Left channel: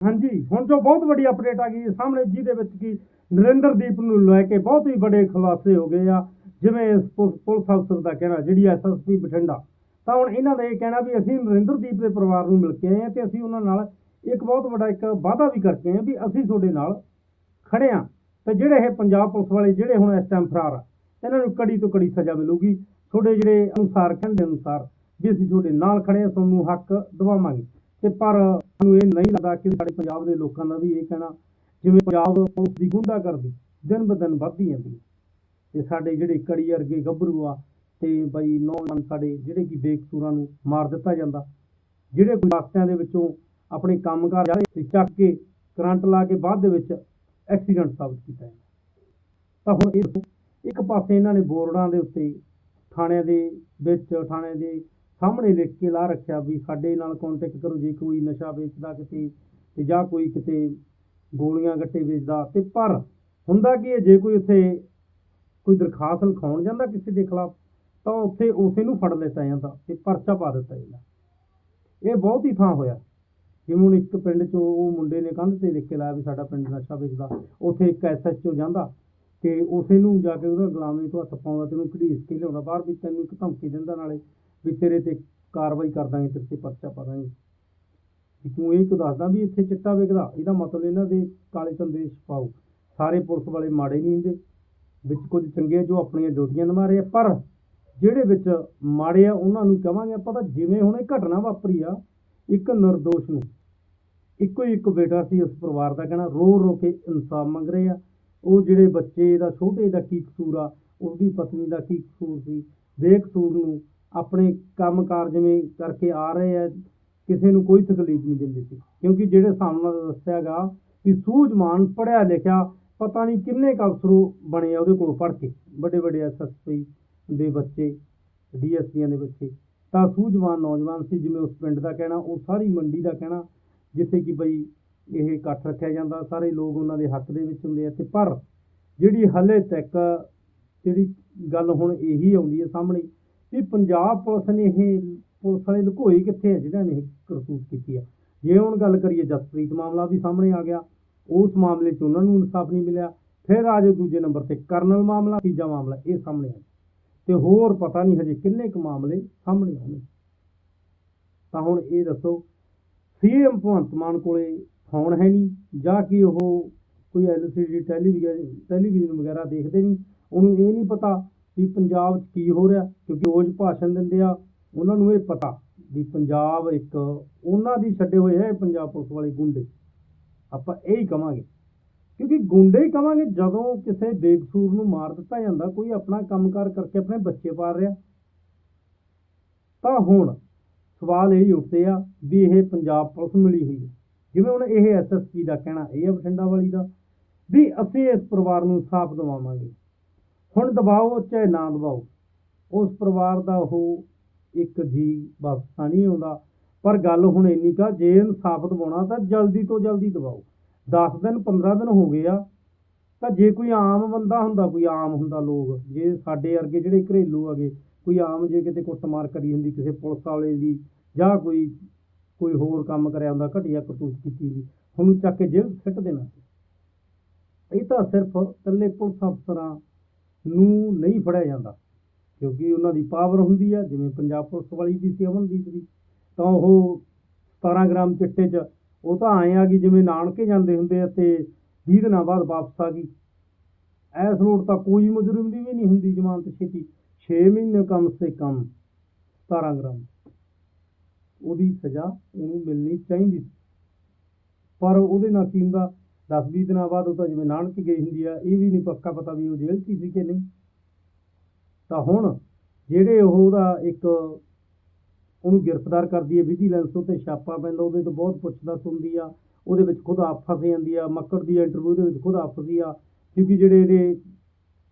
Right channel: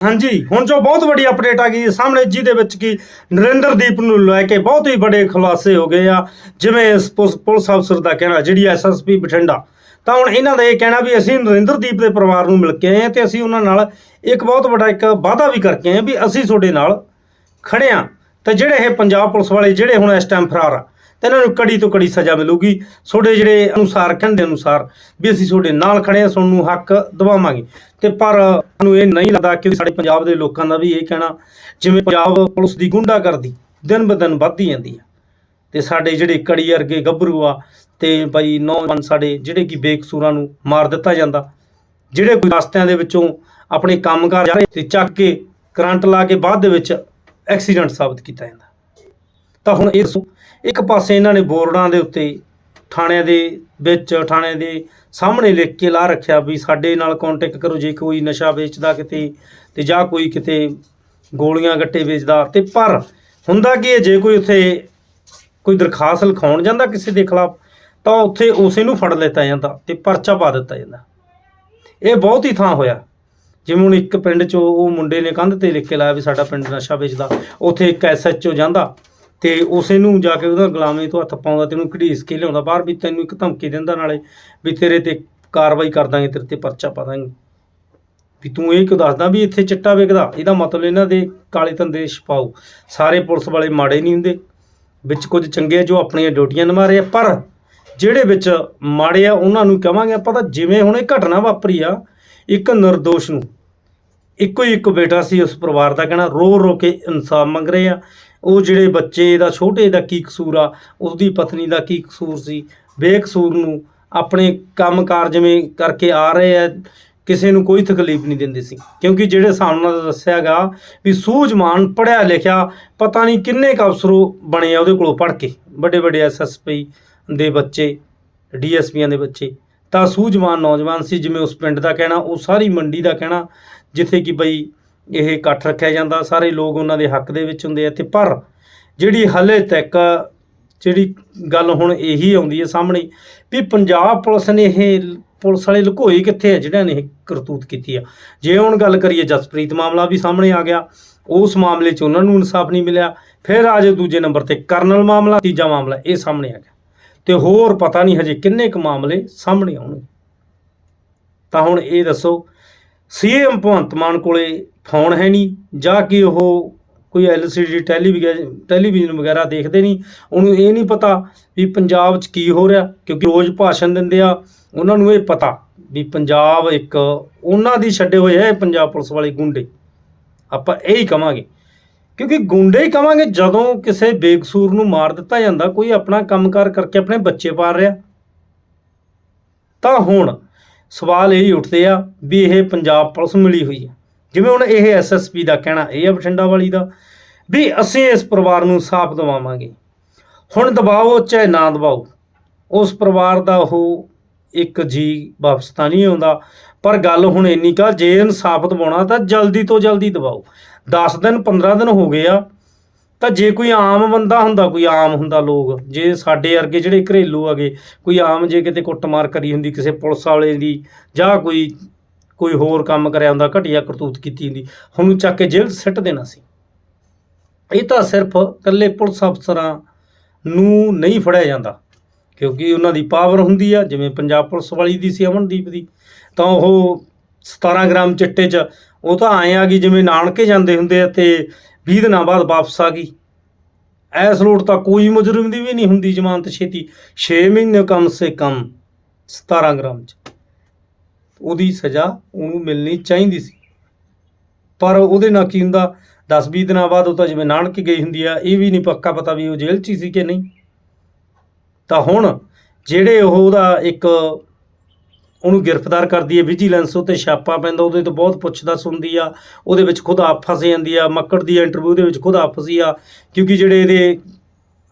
ਹਾਂਜੀ, ਹੁਣ ਜੋ ਬਹੁਤ ਵੱਡੀ ਅਪਡੇਟ ਆ ਗਈ ਸਾਹਮਣੇ ਜਿਹਦੇ ਵਿੱਚ ਕੀ ਨਰਿੰਦਰਦੀਪ ਨੂੰ ਲੈ ਕੇ ਬਹੁਤ ਹੀ ਵੱਡੇ ਖੁਲਾਸੇ ਹੋ ਗਏ ਆ, ਜਿਵੇਂ ਇਸ ਪੁਲਿਸ ਪੁਲਿਸ ਅਫਸਰ ਦਾ ਕਹਿਣਾ, ਜਿਹੜੀ ਐਸਐਸਪੀ ਬਠਿੰਡਾ। ਤਾਂ ਹੁਣ ਇਹਨਾਂ ਦਾ ਇਹ ਕਹਿਣਾ ਵੀ ਅਸੀਂ ਨਰਿੰਦਰਦੀਪ ਦੇ ਪਰਿਵਾਰ ਨੂੰ ਮਿਲ ਕੇ ਆਏ ਹਾਂ ਤੇ ਅਸੀਂ ਉਹਨਾਂ ਨਾਲ ਇੱਕ ਬਹੁਤ ਵੱਡਾ ਇੱਕ ਵਾਅਦਾ ਵੀ ਕਰਕੇ ਆਏ ਵੀ ਅਸੀਂ ਤੁਹਾਡੇ ਨਾਲ ਖੜੇ ਹਾਂ। ਤੇ ਜਿਹੜੇ ਇਹ ਪੰਜਾਬ ਪੁਲਿਸ ਵਾਲੇ, ਜਿਹੜੇ ਹੁਣ ਇਸ ਟਾਈਮ ਫਰਾਰ ਆ ਤੇ ਇਹਨਾਂ ਨੂੰ ਕੜੀ ਤੋਂ ਕੜੀ ਸਜ਼ਾ ਮਿਲੂਗੀ। ਤੁਹਾਡੇ ਜਿਹੜੇ ਅਨੁਸਾਰ, ਕਹਿੰਦੇ ਅਨੁਸਾਰ ਵੀ ਅਸੀਂ ਤੁਹਾਡੇ ਨਾਲ ਖੜੇ ਹਾਂ, ਤੁਹਾਨੂੰ ਹੱਕ ਦਿਵਾਵਾਂਗੇ। ਤੇ ਪਰ ਸਾਨੂੰ ਇਹ ਨਹੀਂ ਲੱਗਦਾ ਕਿ ਸਾਡੇ ਪੰਜਾਬ ਦੇ ਲੋਕਾਂ ਦਾ ਵੀ ਇਹ ਕਹਿਣਾ, ਜਿਵੇਂ ਪੰਜਾਬ ਪੁਲਿਸ ਦੀ ਗੁੰਡਾ ਕਰਦੀ ਦਿਨ ਬ ਦਿਨ ਵੱਧਦੀ ਜਾਂਦੀ ਹੈ। ਤੇ ਸਾਡੇ ਜਿਹੜੇ ਕੜੀ ਵਰਗੇ ਗੱਭਰੂ ਆ, ਤੇ ਭਾਈ ਨੌਜਵਾਨ ਸਾਡੇ ਜਿਹੜੇ ਕਿ ਬੇਕਸੂਰਾਂ ਨੂੰ ਮਾਰ ਦਿੱਤਾ ਜਾਂਦਾ, ਜਿਹੜੇ ਕੋਈ ਰਸਤਿਆਂ ਦੇ ਵਿੱਚੋਂ ਆਪਣੇ ਕੰਮਕਾਰ ਜਾ ਰਹੇ ਤੇ ਚੱਕ ਕੇ ਕਰੰਟ ਲਾ ਕੇ ਬਾਅਦ ਦੇ ਵਿੱਚ ਐਕਸੀਡੈਂਟ ਸਾਬਤ ਕੀਤਾ ਜਾਂਦਾ। ਤਾਂ ਹੁਣ ਇਹ ਦੱਸੋ ਇੱਕ ਪਾਸੇ ਇਹਨਾਂ ਨੇ ਬੋਰਡਾਂ ਦੇ ਉੱਤੇ ਥਾਣਿਆਂ ਦੇ ਵਿੱਚ, ਥਾਣਿਆਂ ਦੇ ਸਾਹਮਣੇ ਲਿਖ ਕੇ ਲਾ ਰੱਖਿਆ ਵੀ ਸਾਡੇ ਨਾਲ ਕੰਟੈਕਟ ਕਰੋ, ਜੇ ਕੋਈ ਨਸ਼ਾ ਵੇਚਦਾ ਕਿਤੇ ਤੇ ਜਾਂ ਕੋਈ ਕਿਤੇ ਗੋਲੀਆਂ ਗੱਟੇ ਵੇਚਦਾ ਤੇ ਪਰ ਹੁੰਦਾ ਕੀ ਹੈ, ਜੇ ਕੋਈ ਉੱਥੇ ਕੋਈ ਦਰਖਾਸਤ ਲਿਖਾਉਣ ਜਾਂਦਾ ਕਿਸੇ ਦੇ ਖਿਲਾਫ, ਤਾਂ ਉੱਥੇ ਉਸੇ ਨੂੰ ਫੜ ਲਿੱਤਾ ਜਾਂਦਾ ਤੇ ਪਰਚਾ ਪਾ ਦਿੱਤਾ ਜਾਂਦਾ। ਇਹ ਬਹੁਤ ਹੀ ਥਾਂ ਹੋਇਆ। ਜਿਵੇਂ ਹੁਣ ਇੱਕ ਪਿੰਡ 'ਚ ਉਹ ਮੁੰਡੇ ਨੇ ਕੰਧ ਤੇ ਲਿਖ ਕੇ ਲਾਇਆ ਵੀ ਸਾਡਾ ਪਿੰਡ ਨਸ਼ਾ ਵੇਚਦਾ, ਉੱਥੇ ਇੱਕ ਐਸਐਚਓ ਜਾਂਦਾ ਤੇ ਉਸੇ ਨੂੰ ਜਾ ਕੇ ਉਹਦਾ ਗੁਲਾਮੀ ਤੋਂ ਹੱਥ ਪਾਉਂਦਾ ਤੇ ਉਹਨੂੰ ਘੜੀਸ ਕੇ ਲਿਆਉਂਦਾ। ਬਾਹਰ ਵੀ ਤੈਨੂੰ ਇੱਕ ਧਮਕੀ ਦਿੰਦਾ ਨਾਲੇ ਵੀ ਤੇਰੇ ਤੇ ਕਾਰਵਾਈ ਕਰ ਦਾਂਗੇ, ਤੇਰੇ ਤੇ ਪਰਚਾ ਪਾ ਦਾਂਗੇ। ਵੀ ਤੂੰ ਇਹ ਕਿਉਂ ਦੱਸਦਾ ਵੀ ਇੱਥੇ ਚਿੱਟਾ ਵਿਕਦਾ? ਇਹਦਾ ਮਤਲਬ ਇਹਨਾਂ ਦੇ ਕਾਲੇ ਧੰਦੇ ਛਪਾਓ। ਸਾਰੇ ਪੁਲਿਸ ਵਾਲੇ ਮਾੜੇ ਨਹੀਂ ਹੁੰਦੇ। ਵਿੱਚ ਕੁਝ ਚੰਗੇ ਜੋ ਆਪਣੀਆਂ ਡਿਊਟੀਆਂ ਨਿਭਾ ਰਹੇ ਆ, ਪਰ ਜਿਹੜੇ ਵਿੱਚ ਮਾੜੇ ਆ, ਉਹਨਾਂ ਨੂੰ ਕਵਾਂਗੇ ਆਪਾਂ ਤਾਂ ਜਿਵੇਂ ਹੁਣ ਇਹ ਘਟਨਾ ਵਾਪਰੀ ਆ, ਇੱਕ ਨਿਰਦੋਸ਼ ਨੂੰ। ਇੱਕੋ ਹੀ ਇੱਕ ਬੇਟਾ ਸੀ ਉਸ ਪਰਿਵਾਰ ਦਾ ਕਹਿਣਾ ਰੋ ਰੋ ਕੇ ਇਨਸਾਫ ਮੰਗ ਰਹੇ ਆ। ਉਹ ਜਿਹੜੇ ਬੱਚੇ ਦਾ, ਛੋਟੇ ਦਾ ਕੀ ਕਸੂਰ ਆ, ਉਸਦੀ ਪਤਨੀ ਦਾ ਕੀ ਕਸੂਰ ਸੀ, ਬੇਕਸੂਰ ਨੂੰ ਆਪਣੇ ਕੰਮਕਾਰ ਜਿਵੇਂ ਕਰਕੇ ਆ ਰਹੇ ਆ, ਕਿਸੇ ਨੂੰ ਕੋਈ ਤਕਲੀਫ ਨਹੀਂ ਦਿੰਦੇ ਸੀ। ਕਿਉਂਕਿ ਜਿਹੜੇ ਸਾਹਮਣੇ ਦਾ ਦੱਸਿਆਗਾ ਵੀ ਸੂਝਵਾਨ ਪੜਿਆ ਲਿਖਿਆ, ਪਤਾ ਨਹੀਂ ਕਿੰਨੇ ਕੁ ਅਫਸਰੋ ਬਣੇ ਆ ਉਹਦੇ ਕੋਲੋਂ ਪੜ ਕੇ, ਵੱਡੇ ਵੱਡੇ ਐਸਐਸਪੀ ਦੇ ਬੱਚੇ ਡੀਐਸਪੀਆਂ ਦੇ ਬੱਚੇ, ਤਾਂ ਸੂਝਵਾਨ ਨੌਜਵਾਨ ਸੀ, ਜਿਵੇਂ ਉਸ ਪਿੰਡ ਦਾ ਕਹਿਣਾ, ਉਹ ਸਾਰੀ ਮੰਡੀ ਦਾ ਕਹਿਣਾ, ਜਿੱਥੇ ਕਿ ਬਈ ਇਹ ਇਕੱਠ ਰੱਖਿਆ ਜਾਂਦਾ, ਸਾਰੇ ਲੋਕ ਉਹਨਾਂ ਦੇ ਹੱਕ ਦੇ ਵਿੱਚ ਹੁੰਦੇ ਆ ਤੇ ਪਰ ਜਿਹੜੀ ਹਲੇ ਤੱਕ ਜਿਹੜੀ ਗੱਲ ਹੁਣ ਇਹੀ ਆਉਂਦੀ ਹੈ ਸਾਹਮਣੇ ਵੀ ਪੰਜਾਬ ਪੁਲਿਸ ਨੇ ਇਹ ਪੁਲਿਸ ਵਾਲੇ ਲੁਕੋਈ ਕਿੱਥੇ ਆ ਜਿਹੜਾ ਨੇ ਇਹ ਕਰਤੂਤ ਕੀਤੀ ਆ। ਜੇ ਹੁਣ ਗੱਲ ਕਰੀਏ ਜਸਪ੍ਰੀਤ ਮਾਮਲਾ ਵੀ ਸਾਹਮਣੇ ਆ ਗਿਆ, ਉਸ ਮਾਮਲੇ 'ਚ ਉਹਨਾਂ ਨੂੰ ਇਨਸਾਫ ਨਹੀਂ ਮਿਲਿਆ। ਫਿਰ ਆ ਜਾਓ ਦੂਜੇ ਨੰਬਰ ਤੇ, ਕਰਨਲ ਮਾਮਲਾ, ਤੀਜਾ ਮਾਮਲਾ, ਇਹ ਸਾਹਮਣੇ ਆ ਗਿਆ। ਤੇ ਹੋਰ ਪਤਾ ਨਹੀਂ ਹਜੇ ਕਿੰਨੇ ਕੁ ਮਾਮਲੇ ਸਾਹਮਣੇ ਆਉਣਗੇ। ਤਾਂ ਹੁਣ ਇਹ ਦੱਸੋ ਸੀਐਮ ਭਗਵੰਤ ਮਾਨ ਕੋਲੇ ਫੋਨ ਹੈ ਨਹੀਂ, ਜਾਂ ਕਿ ਉਹ ਕੋਈ ਐਲਸੀਡੀ ਟੈਲੀਵਿਜ਼ਨ ਟੈਲੀਵਿਜ਼ਨ ਵਗੈਰਾ ਦੇਖਦੇ ਨਹੀਂ, ਉਹਨੂੰ ਇਹ ਨਹੀਂ ਪਤਾ ਵੀ ਪੰਜਾਬ 'ਚ ਕੀ ਹੋ ਰਿਹਾ, ਕਿਉਂਕਿ ਰੋਜ਼ ਭਾਸ਼ਣ ਦਿੰਦੇ ਆ, ਉਹਨਾਂ ਨੂੰ ਇਹ ਪਤਾ ਵੀ ਪੰਜਾਬ ਇੱਕ ਉਹਨਾਂ ਦੀ ਛੱਡੇ ਹੋਏ ਹੈ ਪੰਜਾਬ ਪੁਲਿਸ ਵਾਲੇ ਗੁੰਡੇ। ਆਪਾਂ ਇਹ ਹੀ ਕਵਾਂਗੇ, ਕਿਉਂਕਿ ਗੁੰਡੇ ਹੀ ਕਵਾਂਗੇ ਜਦੋਂ ਕਿਸੇ ਬੇਕਸੂਰ ਨੂੰ ਮਾਰ ਦਿੱਤਾ ਜਾਂਦਾ, ਕੋਈ ਆਪਣਾ ਕੰਮਕਾਰ ਕਰਕੇ ਆਪਣੇ ਬੱਚੇ ਪਾਲ ਰਿਹਾ। ਤਾਂ ਹੁਣ ਸਵਾਲ ਇਹ ਹੀ ਉੱਠਦੇ ਆ ਵੀ ਇਹ ਪੰਜਾਬ ਪੁਲਿਸ ਮਿਲੀ ਹੋਈ ਹੈ ਜਿਵੇਂ ਹੁਣ ਇਹ ਐਸਐਸਪੀ ਦਾ ਕਹਿਣਾ, ਇਹ ਆ ਬਠਿੰਡਾ ਵਾਲੀ ਦਾ, ਵੀ ਅਸੀਂ ਇਸ ਪਰਿਵਾਰ ਨੂੰ ਸਾਫ਼ ਦਵਾਵਾਂਗੇ। ਹੁਣ ਦਬਾਓ ਚਾਹੇ ਨਾ ਦਬਾਓ, ਉਸ ਪਰਿਵਾਰ ਦਾ ਉਹ ਇੱਕ ਜੀ ਵਾਪਸ ਤਾਂ ਨਹੀਂ ਆਉਂਦਾ, ਪਰ ਗੱਲ ਹੁਣ ਇੰਨੀ ਕਾ ਜੇ ਇਨਸਾਫ ਦਵਾਉਣਾ ਤਾਂ ਜਲਦੀ ਤੋਂ ਜਲਦੀ ਦਵਾਓ 10 ਦਿਨ 15 ਦਿਨ ਹੋ ਗਏ ਆ ਤਾਂ ਜੇ ਕੋਈ ਆਮ ਬੰਦਾ ਹੁੰਦਾ, ਕੋਈ ਆਮ ਹੁੰਦਾ ਲੋਕ, ਜੇ ਸਾਡੇ ਵਰਗੇ ਜਿਹੜੇ ਘਰੇਲੂ ਹੈਗੇ, ਕੋਈ ਆਮ ਜੇ ਕਿਤੇ ਕੁੱਟਮਾਰ ਕਰੀ ਹੁੰਦੀ, ਕਿਸੇ ਪੁਲਿਸ ਵਾਲੇ ਦੀ ਜਾਂ ਕੋਈ ਕੋਈ ਹੋਰ ਕੰਮ ਕਰਿਆ ਹੁੰਦਾ, ਘਟੀਆ ਕਰਤੂਤ ਕੀਤੀ ਹੁੰਦੀ ਉਹਨੂੰ ਚੱਕ ਕੇ ਜੇਲ੍ਹ 'ਚ ਸਿੱਟ ਦੇਣਾ ਸੀ। ਇਹ ਤਾਂ ਸਿਰਫ ਇਕੱਲੇ ਪੁਲਿਸ ਅਫਸਰਾਂ ਨੂੰ ਨਹੀਂ ਫੜਿਆ ਜਾਂਦਾ, ਕਿਉਂਕਿ ਉਹਨਾਂ ਦੀ ਪਾਵਰ ਹੁੰਦੀ ਆ, ਜਿਵੇਂ ਪੰਜਾਬ ਪੁਲਿਸ ਵਾਲੀ ਦੀ ਸੀ, ਅਮਨਦੀਪ ਦੀ, ਤਾਂ ਉਹ 17 ਗ੍ਰਾਮ ਚਿੱਟੇ 'ਚ, ਉਹ ਤਾਂ ਆਏ ਆ ਗਈ ਜਿਵੇਂ ਨਾਨਕੇ ਜਾਂਦੇ ਹੁੰਦੇ ਆ ਤੇ 20 ਦਿਨਾਂ ਬਾਅਦ ਵਾਪਸ ਆ ਗਈ। ਐਸ ਲੋਟ ਤਾਂ ਕੋਈ ਮੁਜਰਮ ਦੀ ਵੀ ਨਹੀਂ ਹੁੰਦੀ ਜ਼ਮਾਨਤ ਛੇਤੀ। 6 ਮਹੀਨੇ ਕਮ ਸੇ ਕਮ 17 ਗ੍ਰਾਮ 'ਚ। ਉਹਦੀ ਸਜ਼ਾ ਉਹਨੂੰ ਮਿਲਣੀ ਚਾਹੀਦੀ ਸੀ। ਪਰ ਉਹਦੇ ਨਾਲ ਕੀ ਹੁੰਦਾ? 10-20 ਦਿਨਾਂ ਬਾਅਦ ਉਹ ਤਾਂ ਜਿਵੇਂ ਨਾਨਕ ਗਈ ਹੁੰਦੀ ਆ, ਇਹ ਵੀ ਨਹੀਂ ਪੱਕਾ ਪਤਾ ਵੀ ਉਹ ਜੇਲ੍ਹ 'ਚ ਹੀ ਸੀ ਕਿ ਨਹੀਂ। ਤਾਂ ਹੁਣ ਜਿਹੜੇ ਉਹ ਉਹਦਾ ਇੱਕ ਉਹਨੂੰ ਗ੍ਰਿਫਤਾਰ ਕਰਦੀ ਹੈ ਵਿਜੀਲੈਂਸ ਉਤੇ ਛਾਪਾ ਪੈਂਦਾ, ਉਹਦੇ ਤੋਂ ਬਹੁਤ ਪੁੱਛਦਾ ਸੁਣਦੀ ਆ, ਉਹਦੇ ਵਿੱਚ ਖੁਦ ਆਪ ਫਸ ਜਾਂਦੀ ਆ, ਮੱਕੜ ਦੀ ਇੰਟਰਵਿਊ ਦੇ ਵਿੱਚ ਖੁਦ ਆਪ ਫਸੀ ਆ, ਕਿਉਂਕਿ ਜਿਹੜੇ ਇਹਦੇ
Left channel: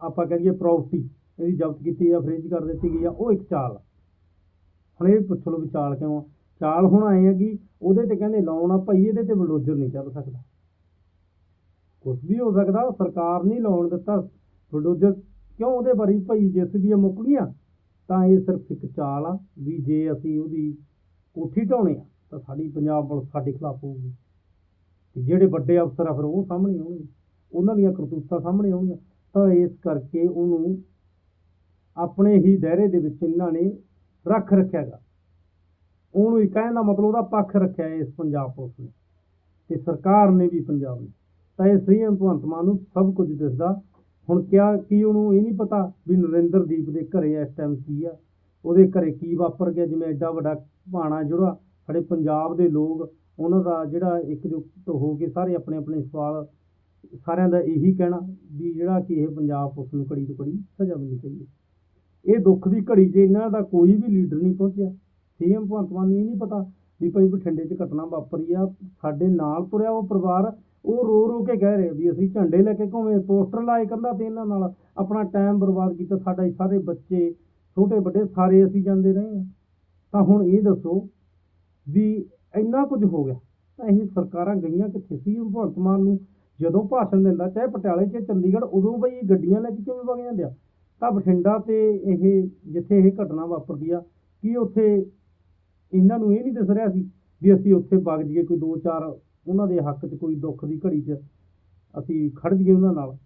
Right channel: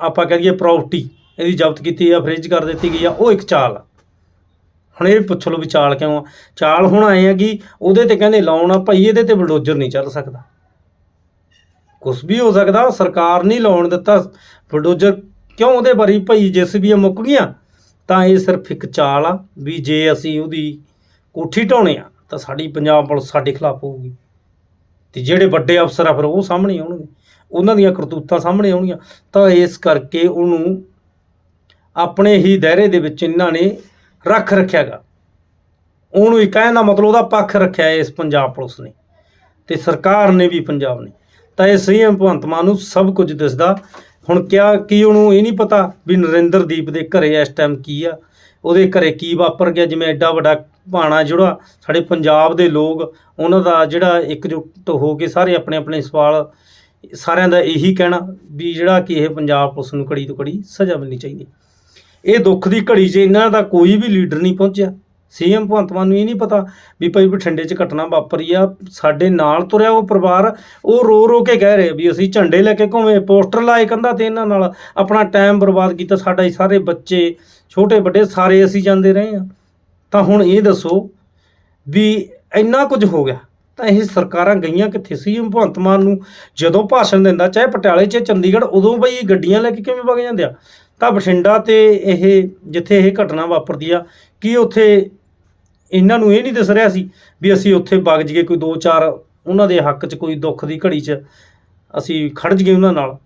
ਆਪਾਂ ਕਹ ਦਈਏ ਪ੍ਰਾਪਰਟੀ ਇਹਦੀ ਜ਼ਬਤ ਕੀਤੀ ਆ ਫ੍ਰਿਜ ਕਰ ਦਿੱਤੀ ਗਈ ਆ, ਉਹ ਇੱਕ ਚਾਲ ਆ। ਹੁਣ ਇਹ ਪੁੱਛ ਲਓ ਵੀ ਚਾਲ ਕਿਉਂ ਆ? ਚਾਲ ਹੁਣ ਆਏ ਆ ਕਿ ਉਹਦੇ ਤੇ ਕਹਿੰਦੇ ਲਾਉਣ ਆ, ਭਾਈ ਇਹਦੇ ਤੇ ਬਲਡੋਜ਼ਰ ਨਹੀਂ ਚੱਲ ਸਕਦਾ। ਕੁਝ ਵੀ ਹੋ ਸਕਦਾ ਸਰਕਾਰ ਨਹੀਂ ਲਾਉਣ ਦਿੱਤਾ ਬਲਡੋਜ਼ਰ ਕਿਉਂ ਉਹਦੇ ਬਾਰੇ ਭਾਈ ਜਿਸ ਵੀ ਮੁੱਕ ਗਈਆਂ ਤਾਂ ਇਹ ਸਿਰਫ ਇੱਕ ਚਾਲ ਆ ਵੀ ਜੇ ਅਸੀਂ ਉਹਦੀ ਕੋਠੀ ਢਾਉਣੇ ਆ, ਤਾਂ ਸਾਡੀ ਪੰਜਾਬ ਪੁਲਿਸ ਸਾਡੇ ਖਿਲਾਫ ਹੋਊਗੀ। ਤੇ ਜਿਹੜੇ ਵੱਡੇ ਅਫਸਰ ਆ ਫਿਰ ਉਹ ਸਾਹਮਣੇ ਆਉਣਗੇ। ਉਹਨਾਂ ਦੀਆਂ ਕਰਤੂਤਾਂ ਸਾਹਮਣੇ ਆਉਣਗੀਆਂ। ਤਾਂ ਇਸ ਕਰਕੇ ਉਹਨੂੰ ਆਪਣੇ ਹੀ ਦਾਇਰੇ ਦੇ ਵਿੱਚ ਇਹਨਾਂ ਨੇ ਰੱਖ ਰੱਖਿਆਗਾ ਉਹਨੂੰ ਹੀ ਕਹਿਣ ਦਾ ਮਤਲਬ ਉਹਦਾ ਪੱਖ ਰੱਖਿਆ ਇਸ ਪੰਜਾਬ ਪੁਲਿਸ ਨੇ ਤੇ ਸਰਕਾਰ ਨੇ ਵੀ ਪੰਜਾਬ ਨੇ। ਤਾਂ ਇਹ ਸੀਐਮ ਭਗਵੰਤ ਮਾਨ ਨੂੰ ਸਭ ਕੁਝ ਦਿਸਦਾ ਹੁਣ ਕਿਆ, ਕੀ ਉਹਨੂੰ ਇਹ ਨਹੀਂ ਪਤਾ ਵੀ ਨਰਿੰਦਰਦੀਪ ਦੇ ਘਰੇ ਇਸ ਟਾਈਮ ਕੀ ਆ? ਉਹਦੇ ਘਰੇ ਕੀ ਵਾਪਰ ਗਿਆ? ਜਿਵੇਂ ਐਡਾ ਵੱਡਾ ਭਾਣਾ ਜਿਹੜਾ ਸਾਡੇ ਪੰਜਾਬ ਦੇ ਲੋਕ, ਉਹਨਾਂ ਦਾ ਜਿਹੜਾ ਇਕਜੁੱਟ ਹੋ ਕੇ ਸਾਰੇ ਆਪਣੇ ਆਪਣੇ ਸਵਾਲ, ਸਾਰਿਆਂ ਦਾ ਇਹੀ ਕਹਿਣਾ ਵੀ ਜਿਹੜਾ ਕਿ ਇਹ ਪੰਜਾਬ ਪੁਲਿਸ ਨੂੰ ਕੜੀ ਤੋਂ ਕੜੀ ਸਜ਼ਾ ਮਿਲਣੀ ਚਾਹੀਦੀ। ਇਹ ਦੁੱਖ ਦੀ ਘੜੀ 'ਚ ਇਹਨਾਂ ਦਾ ਕੋਈ ਵੀ ਲੀਡਰ ਨਹੀਂ ਪਹੁੰਚਿਆ। ਸੀਐਮ ਭਗਵੰਤ ਮਾਨ ਨੂੰ ਇਹ ਨਹੀਂ ਪਤਾ ਵੀ ਭਾਈ ਬਠਿੰਡੇ 'ਚ ਘਟਨਾ ਵਾਪਰੀ ਆ, ਸਾਡੇ ਨਾਲ ਤੁਰਿਆ ਉਹ ਪਰਿਵਾਰ, ਉਹ ਰੋ ਰੋ ਕੇ ਕਹਿ ਰਹੇ ਵੀ ਅਸੀਂ ਝੰਡੇ ਲੈ ਕੇ ਘੁੰਮੇ, ਪੋਸਟਰ ਲਾਏ ਕੰਧਾਂ ਤੇ ਇਹਨਾਂ ਨਾਲ, ਆਪਣਾ ਟਾਈਮ ਬਰਬਾਦ ਕੀਤਾ ਸਾਡਾ ਸਾਰੇ ਬੱਚੇ, ਛੋਟੇ ਵੱਡੇ ਸਾਰੇ ਅਸੀਂ ਜਾਂਦੇ ਰਹੇ ਆ। ਤਾਂ ਹੁਣ ਇਹ ਦੱਸੋ ਵੀ ਇੰਨਾ ਕੁਝ ਹੋ ਗਿਆ, ਤਾਂ ਇਹ ਸਰਕਾਰਾਂ ਗਈਆਂ ਕਿੱਥੇ? ਸੀ ਭਗਵੰਤ ਮਾਨ ਨੂੰ ਜਦੋਂ ਭਾਸ਼ਣ ਦਿੰਦਾ, ਚਾਹੇ ਪਟਿਆਲੇ 'ਚ, ਚੰਡੀਗੜ੍ਹ, ਉਦੋਂ ਬਈ ਗੱਡੀਆਂ ਲੈ ਕੇ ਕਿਵੇਂ ਵਗ ਜਾਂਦੇ ਆ? ਤਾਂ ਬਠਿੰਡਾ ਤੇ ਇਹ, ਜਿੱਥੇ ਇਹ ਘਟਨਾ ਵਾਪਰਦੀ ਆ, ਕੀ ਉੱਥੇ ਇਹਨਾਂ ਨੂੰ ਇਹ ਨਹੀਂ ਦਿਸ ਰਿਹਾ ਸੀ ਵੀ ਅਸੀਂ ਉੱਥੇ ਵਗ ਜੀਏ ਕੋਈ ਦੋ ਚਾਰ ਉਹਨਾਂ ਦੇ ਹੱਕ 'ਚ, ਕੋਈ ਦੁੱਖ ਦੀ ਘੜੀ 'ਚ, ਅਸੀਂ ਖੜ ਜੀਏ ਉਹਨਾਂ ਨਾਲ।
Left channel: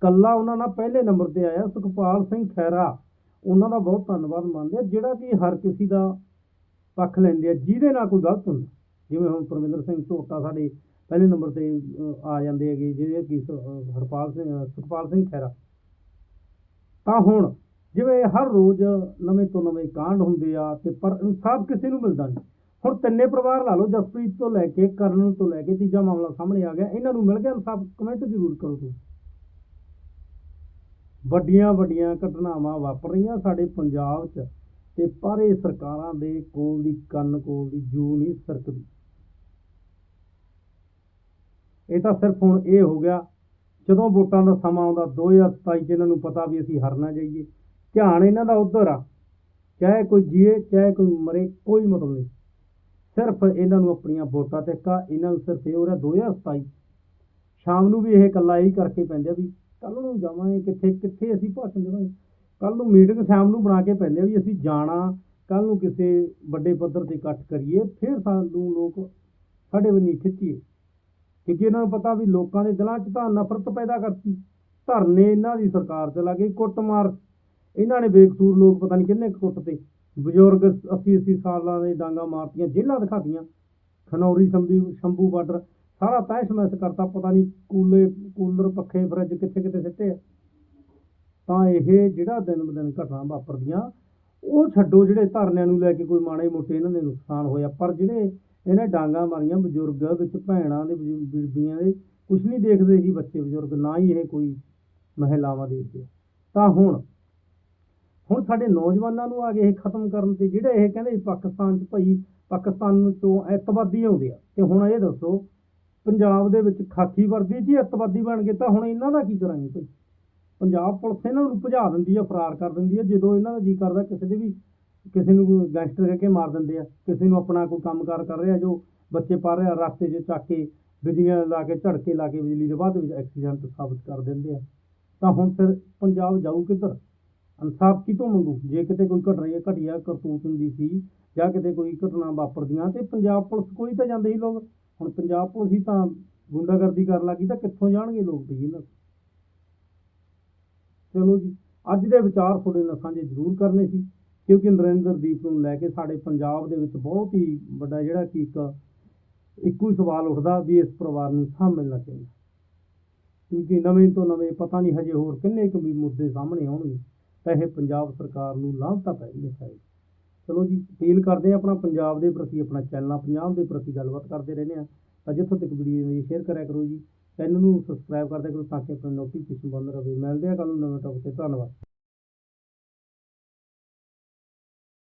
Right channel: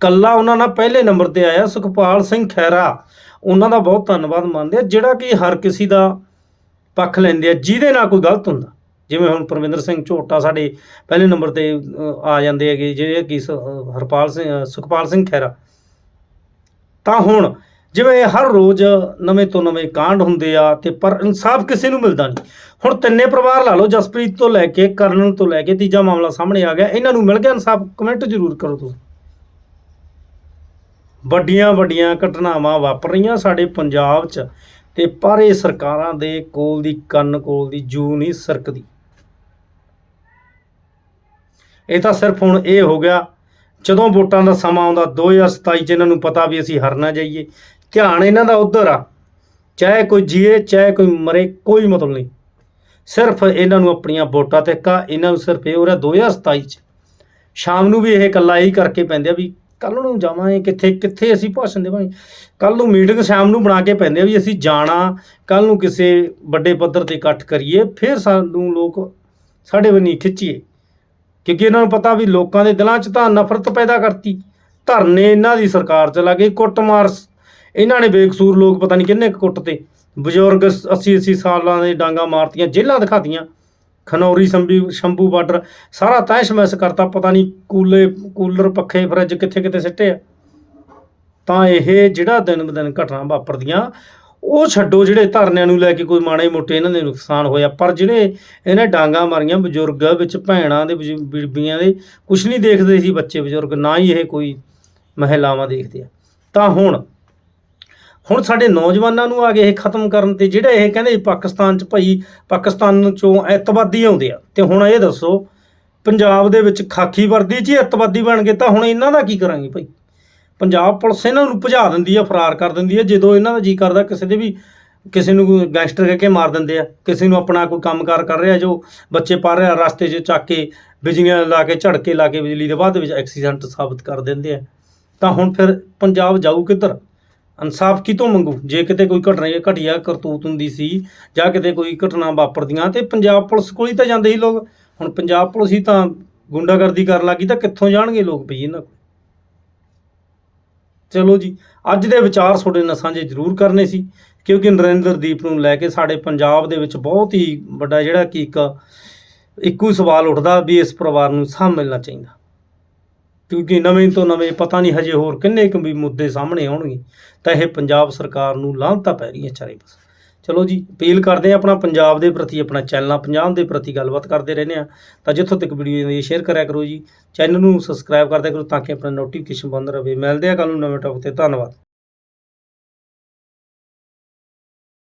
ਕੱਲਾ ਉਹਨਾਂ ਨਾਲ ਪਹਿਲੇ ਨੰਬਰ ਤੇ ਆਇਆ, ਸੁਖਪਾਲ ਸਿੰਘ ਖੈਰਾ ਉਹਨਾਂ ਦਾ ਬਹੁਤ ਧੰਨਵਾਦ ਮੰਨਦੇ ਆ ਜਿਹੜਾ ਕਿ ਹਰ ਕਿਸੇ ਦਾ ਪੱਖ ਲੈਂਦੇ ਆ, ਜਿਹਦੇ ਨਾਲ ਕੋਈ ਗਲਤ ਹੁੰਦਾ। ਜਿਵੇਂ ਹੁਣ ਪਰਮਿੰਦਰ ਸਿੰਘ ਝੋਟਾ ਸਾਡੇ ਪਹਿਲੇ ਨੰਬਰ ਤੇ ਆ ਜਾਂਦੇ ਹੈਗੇ, ਜਿਹੜੇ ਕਿ ਸ- ਹਰਪਾਲ ਸਿੰਘ ਸੁਖਪਾਲ ਸਿੰਘ ਖੈਰਾ ਤਾਂ ਹੁਣ ਜਿਵੇਂ ਹਰ ਰੋਜ਼ ਨਵੇਂ ਤੋਂ ਨਵੇਂ ਕਾਂਡ ਹੁੰਦੇ ਆ ਤੇ ਪਰ ਇਨਸਾਫ ਕਿਸੇ ਨੂੰ ਮਿਲਦਾ ਨਹੀਂ। ਹੁਣ ਤਿੰਨੇ ਪਰਿਵਾਰ ਲਾ ਲਓ, ਜਸਪ੍ਰੀਤ ਤੋਂ ਲੈ ਕੇ ਕਰਨਲ ਤੋਂ ਲੈ ਕੇ ਤੀਜਾ ਮਾਮਲਾ ਸਾਹਮਣੇ ਆ ਗਿਆ, ਇਹਨਾਂ ਨੂੰ ਮਿਲ ਗਿਆ ਇਨਸਾਫ, ਕਮੈਂਟ ਜ਼ਰੂਰ ਕਰੋ ਤੁਸੀਂ। ਵੱਡੀਆਂ ਵੱਡੀਆਂ ਘਟਨਾਵਾਂ ਵਾਪਰ ਰਹੀਆਂ ਸਾਡੇ ਪੰਜਾਬ 'ਚ ਤੇ ਪਰ ਇਹ ਸਰਕਾਰਾਂ ਦੇ ਕੋਲ ਦੀ ਕੰਨ ਕੋਲ ਦੀ ਜੂ ਨਹੀਂ ਸਰਕਦੀ। ਇਹ ਤਾਂ ਸਿਰਫ ਹੁਣ ਇਹ ਹੋ ਗਿਆ, ਜਦੋਂ ਵੋਟਾਂ ਦਾ ਸਮਾਂ ਆਉਂਦਾ 2027 ਚ ਇਹਨਾਂ ਨੂੰ ਪਤਾ ਵੀ ਅਸੀਂ ਹਰਨਾ ਜਾਈਏ। ਧਿਆਨ ਇਹਨਾਂ ਦਾ ਉਧਰ ਆ। ਚਾਹੇ ਕੋਈ ਜੀਏ, ਚਾਹੇ ਕੋਈ ਮਰੇ, ਕੋਈ ਮਤਲਬ ਨਹੀਂ। ਸਿਰਫ ਇਹਨਾਂ ਨੂੰ ਆਪਣੀਆਂ ਵੋਟਾਂ ਤੇ ਕਾ, ਇਹਨਾਂ ਨੂੰ ਸਿਰਫ ਇਹ ਹੋ ਰਿਹਾ 2027 ਚ। ਸ਼ਾਮ ਨੂੰ ਵੀ ਇਹ ਇਕੱਲਾ ਹੀ ਕਰਕੇ ਪੈਂਦੇ ਆ ਵੀ ਕੱਲ ਨੂੰ ਜਾਵਾਂਗੇ ਕਿੱਥੇ ਕਿੱਥੇ ਅਸੀਂ ਭਾਸ਼ਣ ਦੇਵਾਂਗੇ। ਕੱਲ ਨੂੰ ਮੀਟਿੰਗ ਸ਼ਾਮ ਨੂੰ ਬਣਾ ਕੇ ਪੈਂਦੇ ਆ ਵੀ ਅਸੀਂ ਜਾਣਾ ਕੱਲ ਨੂੰ ਕਿਸੇ ਵੱਡੇ ਪੱਧਰ ਤੇ ਇਕੱਠ ਕਰੀਏ, ਫਿਰ ਸਾਨੂੰ ਲੋਕ ਸਾਡੇ ਵੱਲ ਖਿੱਚੀਏ। ਕਿਉਂਕਿ ਇਹਨਾਂ ਨੂੰ ਪਤਾ ਵੀ ਲੋਕਾਂ ਦੇ ਦਿਲਾਂ 'ਚ ਤਾਂ ਨਫ਼ਰਤ ਪੈਦਾ ਕਰਤੀ। ਧਰਨੇ ਇਹਨਾਂ ਦੀ ਸਰਕਾਰ ਚ ਲੱਗੇ ਕੁੱਟਮਾਰ ਇਹਨਾਂ ਨੇ ਬੇਕਸੂਰ ਲੋਕ ਪਤਾ ਨਹੀਂ ਕਿੰਨੇ ਕੁ ਕੁੱਟ ਤੇ ਬਜ਼ੁਰਗ 80 80 ਸਾਲਾਂ ਦੇ ਡਾਂਗਾ ਮਾਰਤੀਆਂ ਜੇਲਾਂ ਦਿਖਾਤੀਆਂ, ਖਨੌਰੀ, ਸੰਭੀ, ਸ਼ੰਭੂ ਬਾਰਡਰ, ਸਾਰਾ ਤੈਸ਼ ਮੈਸ ਕਰਤਾ, ਪਤਾ ਨਹੀਂ ਕੂਲੇ, ਕੂਲਰ, ਪੱਖੇ, ਫਰਿੱਜ ਕਿੱਥੇ ਕਿੱਥੇ ਸਿੱਟੇ ਆ। ਤਾਂ ਇਹ ਜਿਹੜਾ ਦਿਨ ਬ ਦਿਨ ਘਟਨਾ ਵਾਪਰਦੀਆਂ, ਉਹ ਛੱਡੋ ਜਿਹੜੇ ਧਰਨਿਆਂ ਨੂੰ ਲੈ ਕੇ ਕੋਈ ਮਾੜੇ ਮੋਟੇ ਇਹਨਾਂ ਦੇ ਨੁਕਸਾਨ ਹੋਇਆ, ਪਰ ਜਿਹੜੇ ਇਹਨੇ ਡਾਂਗਾ ਮਾਰੀਆਂ ਬਜ਼ੁਰਗ ਵਿੱਚ ਭੈਣਾਂ ਦੇ ਬੀਬੀਆਂ ਦੇ, ਕੁਛ ਨਹੀਂ ਦੇਖਦੇ ਸੀ ਬੱਚੇ ਬਜ਼ੁਰਗ, ਨਾ ਹੀ ਇਹ ਕੋਈ ਮਹਿਲਾਵਾਂ ਦੇਖਦੇ ਆ। ਤਾਂ ਹੁਣ ਹੁਣ ਸਾਡੇ ਨੌਜਵਾਨਾਂ ਨੂੰ ਆ ਗਏ ਇਹ ਖਤਮ ਕਰਨ ਤੇ ਜਿਹੜੇ ਇਹ ਕਹਿੰਦੇ ਸੀ ਪਾਕਿਸਤਾਨ ਚ ਭਾਈ ਪਾਕਿਸਤਾਨ ਚੋਂ ਐਤਵਾਦੀ ਆਉਂਦੇ ਆ। ਤੇ ਹੁਣ ਇਹ ਦੱਸੋ, ਪੰਜਾਬ ਦੇ ਵਿੱਚ ਖਾਕੀ ਵਰਦੀ 'ਚ ਹੀ ਐਤਵਾਦੀ ਬਣ ਗਏ, ਤਾਂ ਹੁਣ ਇਹਨਾਂ ਦਾ ਕੀ ਕਰਾਂਗੇ ਭਾਈ? ਪੰਜਾਬ ਪੁਲਿਸ ਇਹਨਾਂ ਨੂੰ ਭਜਾ ਦਿੰਦੀ ਆ, ਫਰਾਰ ਕਰ ਦਿੰਦੀ ਆ, ਜਦੋਂ ਇਹਨਾਂ ਦਾ ਜੀ ਕਰਦਾ ਕਿਸੇ ਦੇ ਵੀ ਕਿਸੇ ਨੂੰ ਗੈਂਗਸਟਰ ਕਹਿ ਕੇ ਮਾਰ ਦਿੰਦੇ ਆ, ਕਿਸੇ ਨੂੰ ਆਪਣਾ ਕੋਈ ਕੰਮਕਾਰ ਕਰ ਰਿਹਾ ਜੋ ਬੱਚੇ ਪੜ੍ਹ ਰਿਹਾ, ਰਸਤੇ 'ਚ ਚੱਕ ਕੇ ਬਿਜਲੀਆਂ ਲਾ ਕੇ, ਝੜਕੇ ਲਾ ਕੇ ਬਿਜਲੀ ਦੇ ਬਾਅਦ ਵਿੱਚ ਐਕਸੀਡੈਂਟ ਸਾਬਤ ਕਰ ਦਿੰਦੇ ਆ। ਤਾਂ ਹੁਣ ਫਿਰ ਪੰਜਾਬ ਜਾਊ ਕਿੱਧਰ? ਇਨਸਾਫ ਕਿਤੋਂ ਮੰਗੂ? ਜੇ ਕਿਤੇ ਕੋਈ ਘਟਨਾ ਘਟੀਆ ਕਰਤੂਤ ਹੁੰਦੀ ਸੀ ਜਾਂ ਕਿਤੇ ਕੋਈ ਘਟਨਾ ਵਾਪਰਦੀਆਂ ਤੇ ਪੰਜਾਬ ਪੁਲਿਸ ਕੋਲ ਹੀ ਤਾਂ ਜਾਂਦੇ ਸੀ ਲੋਕ। ਹੁਣ ਪੰਜਾਬ ਪੁਲਿਸ ਹੀ ਤਾਂ ਗੁੰਡਾਗਰਦੀ ਕਰਨ ਲੱਗੀ ਤਾਂ ਕਿੱਥੋਂ ਜਾਣਗੇ ਲੋਕ ਭਈ ਇਹਨਾਂ ਕੋਲ? ਚਲੋ ਜੀ, ਅੱਜ ਦੇ ਵਿਚਾਰ ਤੁਹਾਡੇ ਨਾਲ ਸਾਂਝੇ ਜ਼ਰੂਰ ਕਰਨੇ ਸੀ, ਕਿਉਂਕਿ ਨਰਿੰਦਰਦੀਪ ਨੂੰ ਲੈ ਕੇ ਸਾਡੇ ਪੰਜਾਬ ਦੇ ਵਿੱਚ ਬਹੁਤ ਹੀ ਵੱਡਾ ਜਿਹੜਾ ਕਿ ਇੱਕ, ਇੱਕੋ ਹੀ ਸਵਾਲ ਉੱਠਦਾ ਵੀ ਇਸ ਪਰਿਵਾਰ ਨੂੰ ਸਾਹ ਮਿਲਣਾ ਚਾਹੀਦਾ। ਕਿਉਂਕਿ ਨਵੇਂ ਤੋਂ ਨਵੇਂ ਪਤਾ ਨਹੀਂ ਹਜੇ ਹੋਰ ਕਿੰਨੇ ਕੁ ਵੀ ਮੁੱਦੇ ਸਾਹਮਣੇ ਆਉਣਗੇ, ਤਾਂ ਇਹ ਪੰਜਾਬ ਸਰਕਾਰ ਨੂੰ ਲਾਹਨਤਾਂ ਪੈ ਰਹੀ ਹੈ ਚਾਰੇ ਪਾਸੇ। ਚਲੋ ਜੀ, ਅਪੀਲ ਕਰਦੇ ਹਾਂ ਆਪਣਾ ਪੰਜਾਬ ਦੇ ਪ੍ਰਤੀ, ਆਪਣਾ ਚੈਨਲਾਂ ਪੰਜਾਬ ਦੇ ਪ੍ਰਤੀ ਗੱਲਬਾਤ ਕਰਦੇ ਰਹਿੰਦੇ ਆ ਤਾਂ ਜਿੱਥੋਂ ਤੱਕ ਵੀਡੀਓ ਦੀ ਸ਼ੇਅਰ ਕਰਿਆ ਕਰੋ ਜੀ, ਚੈਨਲ ਨੂੰ ਸਬਸਕ੍ਰਾਈਬ ਕਰਦਿਆ ਕਰੋ ਤਾਂ ਕਿ ਆਪਣਾ ਨੋਟੀਫਿਕੇਸ਼ਨ ਬੰਦ ਰਹੇ। ਮਿਲਦੇ ਆ ਕੱਲ ਨੂੰ ਨਵੇਂ ਟੌਪਿਕ ਤੇ, ਧੰਨਵਾਦ।